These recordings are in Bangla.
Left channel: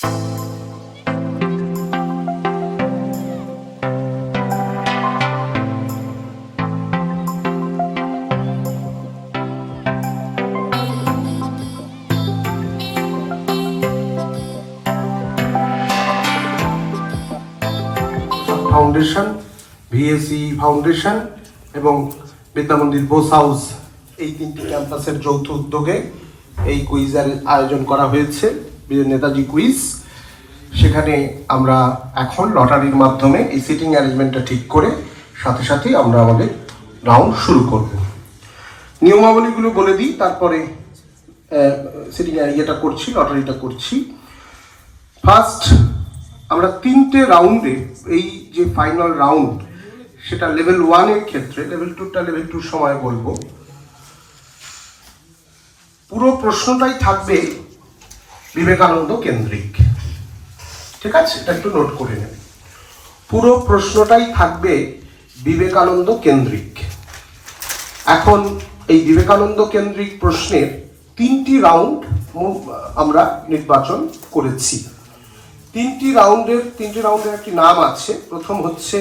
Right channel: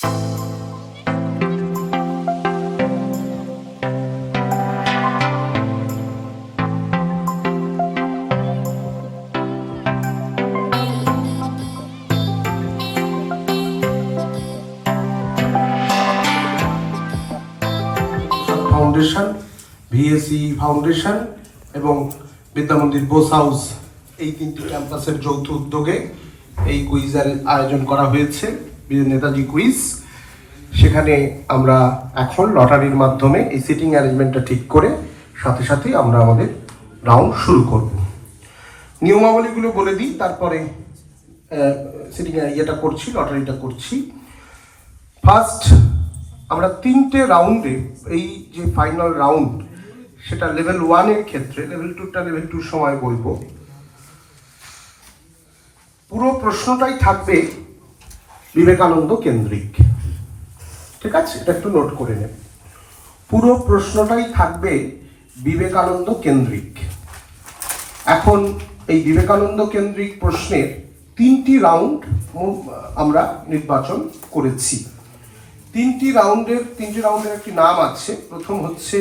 ফাউন্ডেশন ভিএসি ফাউন্ডেশন এবং বিদ্যামন্দির বোস হাউস এই তিনটি ক্যাম্পাসের যৌথ উদ্যোগে এই কুইজের আয়োজন করা হয়েছে। নেতাজি কুইজ। সেখানে আমরা এখন লটারির মাধ্যমে এই সিটিং অ্যারেঞ্জমেন্টটা ঠিক করে সাথে সাথেই আমরা আমাদের রাউন্ড শুরু করব। নিয়মাবলীগুলো বলে দিই, তারপরে সিটিং ইয়েটা করছি, লটারিটা করছি। ফার্স্ট আমরা তিনটে রাউন্ডে এই যে ফাইনাল রাউন্ড সেটা লেভেল ওয়ানের ক্ষেত্রে লেভেল টুটা লেভেল টুর সময় বলব। পুরো প্রশ্নটাই থাকবে বিবেকানন্দ কেন্দ্রিক। ঠিক আছে? এটা একটু নোট করে নেন পুরো প্রশ্নটাই থাকবে বিবেকানন্দ কেন্দ্রিক। এখন এই বিবেকানন্দ কেন্দ্রিক প্রশ্নের তিনটি রাউন্ড আমরা নির্বাচন করেছি। তিনটি রাউন্ডের তিনটি রাউন্ডের একটি নাম আছে। প্রথম হচ্ছে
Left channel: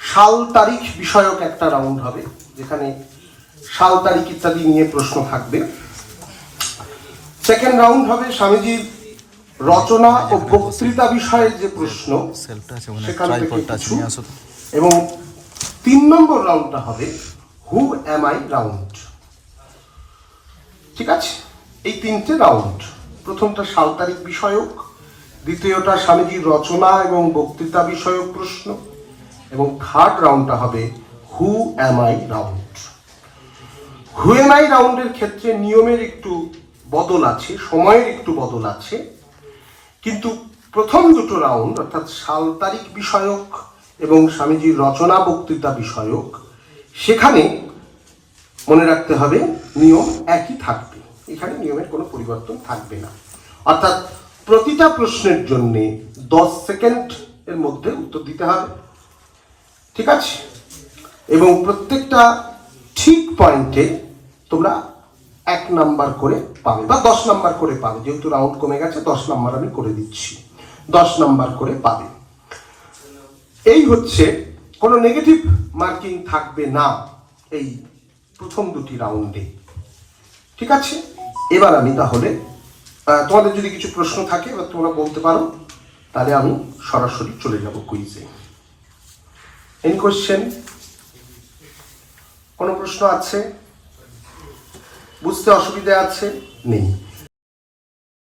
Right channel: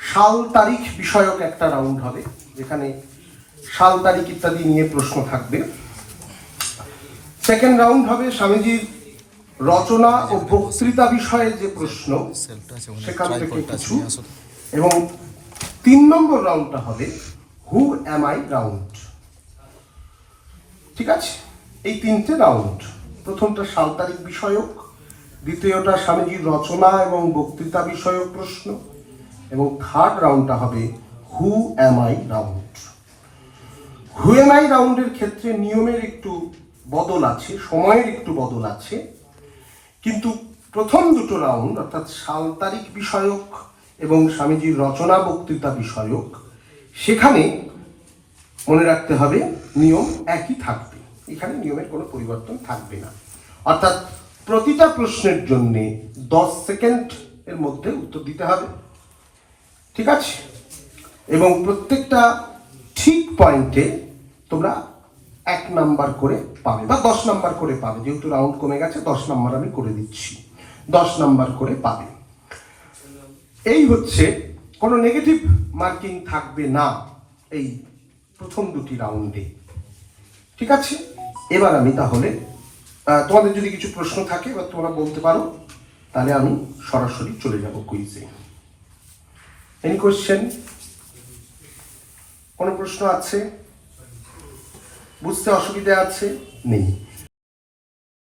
সাল তারিখ বিষয়ক একটা রাউন্ড হবে, যেখানে সাল তারিখ ইত্যাদি নিয়ে প্রশ্ন থাকবে। সেকেন্ড রাউন্ড হবে স্বামীজির রচনা ও বক্তৃতা বিষয়ে যে প্রশ্ন সেখান থেকে কিছু। এবং তিন নম্বর রাউন্ডটা হবে হু এম আই রাউন্ড ঠিক আছে? এই তিনটে রাউন্ড প্রথমটা তারিখ বিষয়ক দ্বিতীয়টা স্বামীজির রচনা এবং বক্তৃতা বিষয়ক প্রশ্ন এবং থার্ড রাউন্ডটা হবে who am I round who am I রাউন্ডের ক্ষেত্রে নিয়মের একটু বদল আছে, সময়ের একটু বদল আছে। কিন্তু প্রথম দুটো রাউন্ড অর্থাৎ সাল তারিখ বিষয়ক এবং স্বামীজির রচনা বক্তৃতা বিষয়ক, সেখানে মনে রাখতে হবে নিয়ম একই থাকবে। এখানে নিয়মের কোনো পরিবর্তন থাকবে না। অর্থাৎ প্রতিটা প্রশ্নের জন্য দশ সেকেন্ড এর মধ্যে উত্তর দিতে হবে। ঠিক আছে? এবং প্রত্যেকটা ঠিক পয়েন্টে তোমরা এক নাম্বার করে পাবে বা দশ নাম্বার করে পাবে। যেহেতু রাউন্ড কমে গেছে, দশ নাম্বার আমি করে দিচ্ছি। দশ নাম্বার করে পাবে। এই হচ্ছে, কোনো নেগেটিভ মার্কিং থাকবে না এই প্রথম দুটি রাউন্ডে ঠিক আছে? এবার আমি তাহলে তোমাদের যদি কিছু প্রশ্ন থাকে বা তোমরা বলতে পারো, তাহলে আমি সরাসরি চলে যাব কুইজে এনি কোশ্চেন কোনো প্রশ্ন আছে? বুঝতে অসুবিধা আছে? নেই।